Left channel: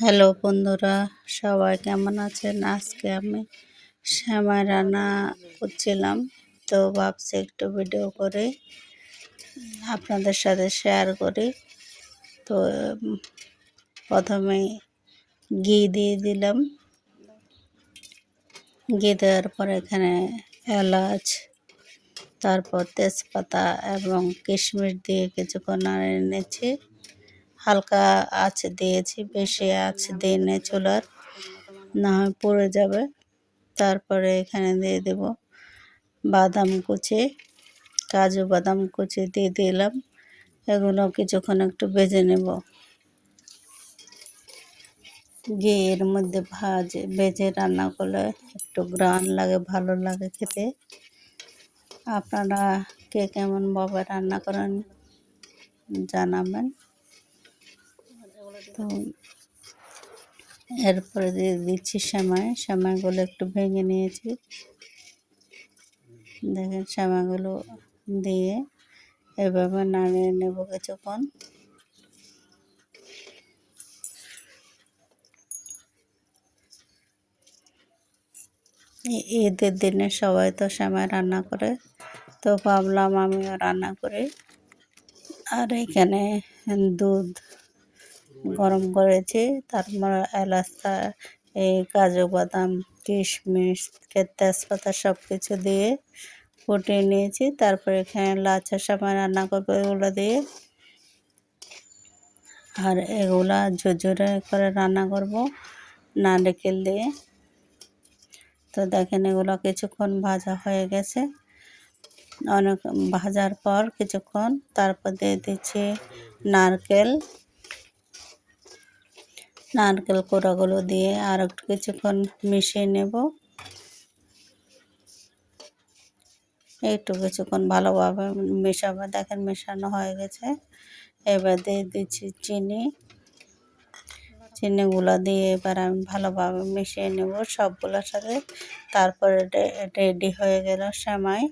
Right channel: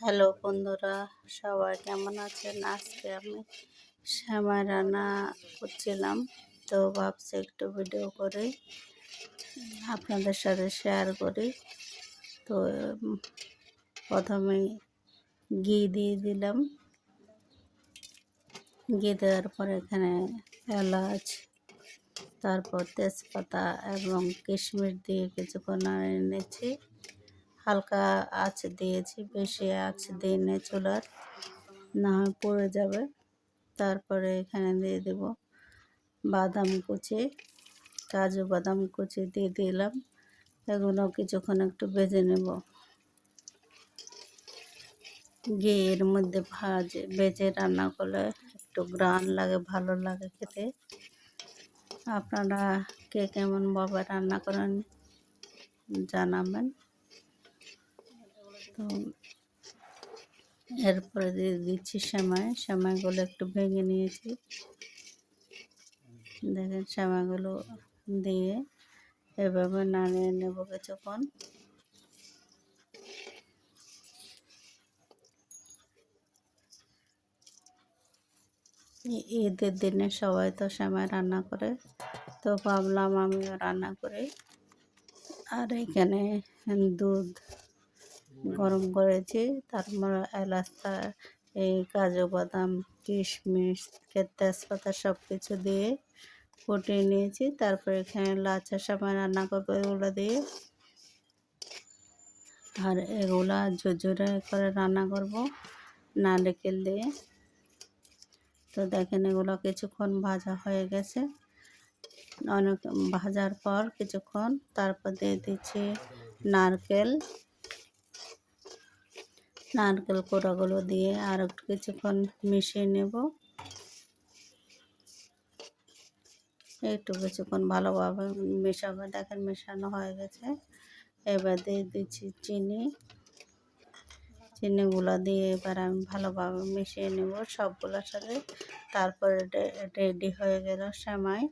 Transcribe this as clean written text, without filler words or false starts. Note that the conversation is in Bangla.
হ্যালো বন্ধুরা, সবাই কেমন আছেন? আজকে আমি সেমাই রান্না করছিলাম, তো ভাবছি একটু ভিডিও করে আপনাদের সাথে শেয়ার করি। তো প্রথমে ঘি দিয়ে দিলাম। ঘি দেওয়ার পর এখানে এলাচ, তারপর তেজপাতা এবং কিশমিশ দিয়ে কিছুক্ষণ নাড়ে নিয়েছি। হালকা আঁচ দিয়েছি, বেশি আঁচ দিইনি চুলার, না হয় পুড়ে যাবে। তারপরে এখানে দিয়ে দেব বাদাম কুচি, কাজু বাদাম কুচি দিয়ে দিলাম। এগুলো কিছুক্ষণ একটু ভেজে নেব। ঘিয়ের মধ্যে ভেজে রান্না করলে একটু গ্রান লাগে, ভালো লাগে খেতে। আপনারা কে কেমনভাবে রান্না করেন জানাবেন। তো এরপরে দিয়ে দিচ্ছি সেমাইগুলো একটু ভেঙে নিয়েছি। দেখেন সেমাইগুলো দিয়ে এভাবে নাড়িয়ে নেব কিছুক্ষণ। ঈদের দিনে সবাই তো সেমাই রান্না করে, তো ভাবলাম আমিও রান্না করি। আর এখানে দুধ গরম করেছি, তারপর এলাচ, এই কাজু বাদাম, কিশমিশ, তেজপাতা সব কিছু দিয়ে ফুটিয়ে নিয়েছি। তারপরে এখানে লাচ্ছা সেমাই রান্না করবো এগুলো দিয়ে, আর এগুলা ঝুরঝুরে করে রান্না করব নারকেল দিয়ে। তো দেখেন এগুলো কিছুক্ষণ ভাজা হয়ে গেছে। অনেক ভাজার পর কিছুক্ষণ তারপর দিয়ে দিচ্ছি নারকেল কোড়াগুলো দিয়ে আর একটু কিছুক্ষণ মিশিয়ে নেব। একটু কিছুক্ষণ ভালোভাবে মেশাবো। দেখেন মেশানো হয়ে গেছে। এবার দিয়ে দিচ্ছি চিনিগুলো দিয়ে এবার আমি ভালোভাবে মিশিয়ে নেব সবগুলোর সাথে। তারপরে রেডি হয়ে গেল সেমাই।